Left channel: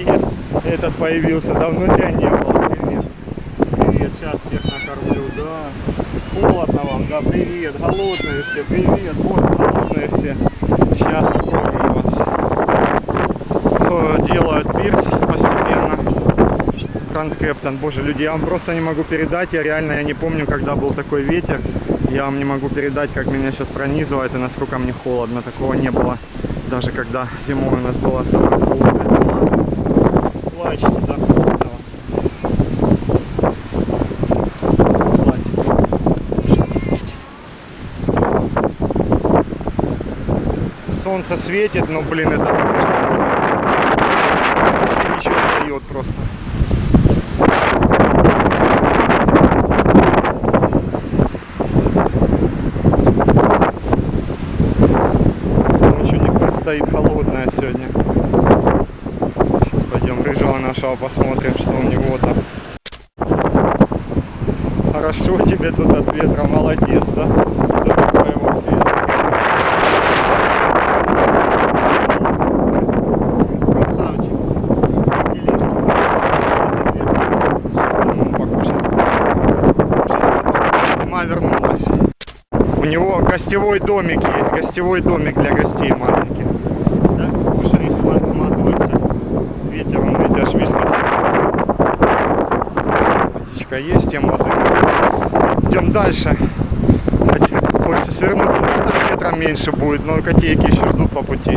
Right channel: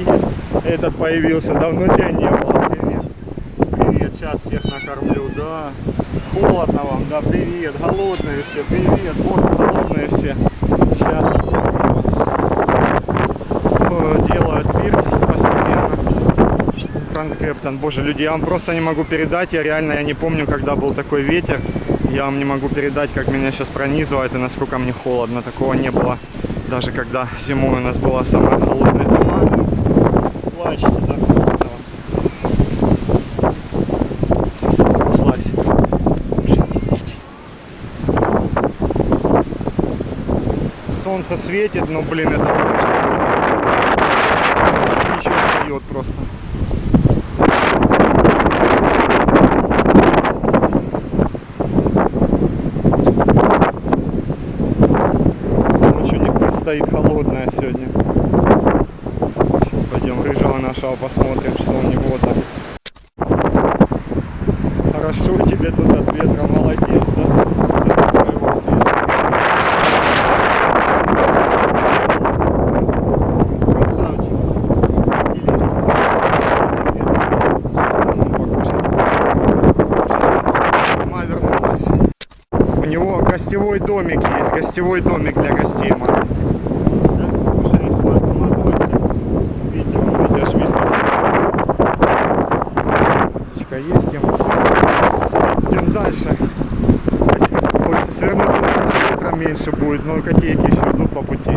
привет. Этот появился, давно тебя не было. Привет. Привет, сейчас всех накормлю, да. Холодно вам, да, привет. Голодные все, привет. Вот, голодные все. Сейчас покормим вас. Делают пирс постепенно. Гранд Кэптон. Боже, люди, я вам просто не могу передать. Я не помню, когда был такой ветер. Я вам не могу передать, как меня сейчас пронизывает и насколько мне холодно. Такого не было, даже когда зимой у нас была самая холодная зима. Плачете, да, холодно вам. Слазь. Солнце светит, но, блин, это трэш какой-то. Вообще ничего не дает просто. Ночью не предстоит холодная сегодня. Сейчас пойдем рыжего нашего посмотрим, что у него там. Хорошо тебе тут от ветра, молодец, да? До твоего света. Красавчик. Как делишки? Сейчас дома покушать. Зима вернулась. У него гостевой домик есть, гостевой домик для гостей маленьких. Да? Кушали, сматывайся. Ветер, он, ведь аж вискос носит. Водичка есть, тем воды наверх. Идем дальше. Хотя, хочется свернуть туда, там ветра меньше будет, но котейки еще ждут по пути.